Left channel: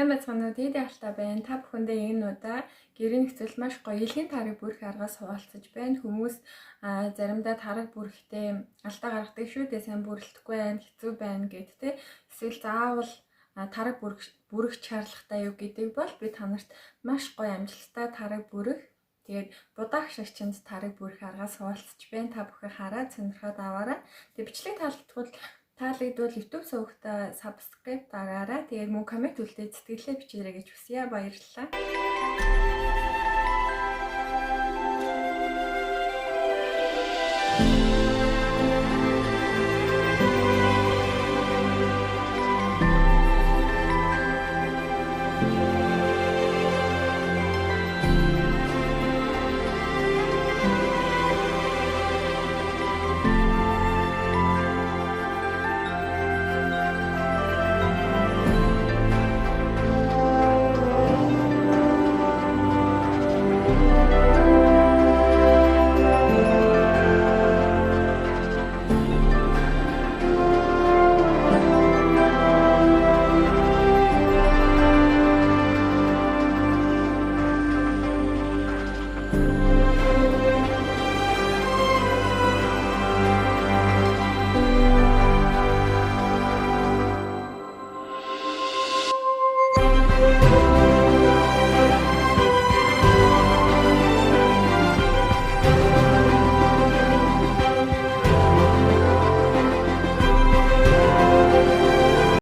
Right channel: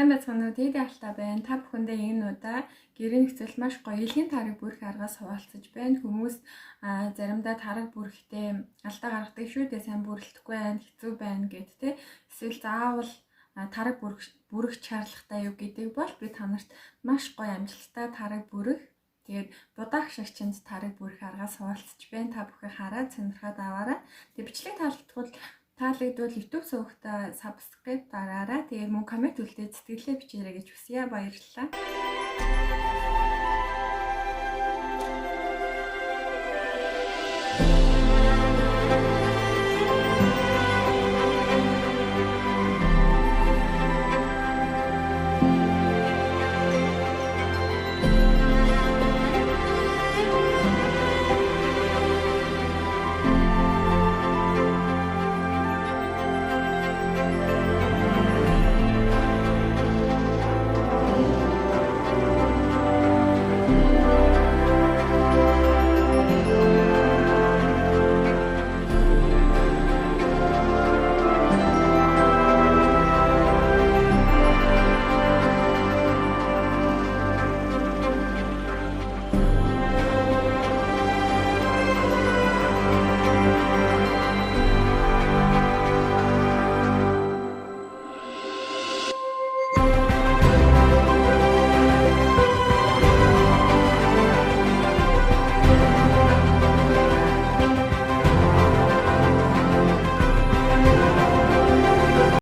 Сайн байцгаана уу? Тэд ялтай байна. Та бүхэндээ энэ удаа гэрийн нөхцөл маш гоё илгийн тарыг бүрэх аргаас хуваалцаж байна. Хүмүүс заримдаа тараг бүрэхдээ алдаа гаргадаг шүү дээ. Сайн бүрэлдэхгүй байна, хэцүү байна гэд тэ. Эсвэл заавал тараг бүрэх шаардлагатай юу гэдэг бол би та нарт маш гоё амжилттай тараг бүрэх тэгээд будаах шагчинд тарыг бүрэх аргаас хуваалцаж байна. Та бүхэн хараад сонирхоод аваарай. Тэгээд бичлэг таалагдвал YouTube сувагтаа subscribe дараарай. Тэгээд мөн коммент үлдээд сэтгэлээ бичээрэй гэж хүсье. Баярлалаа.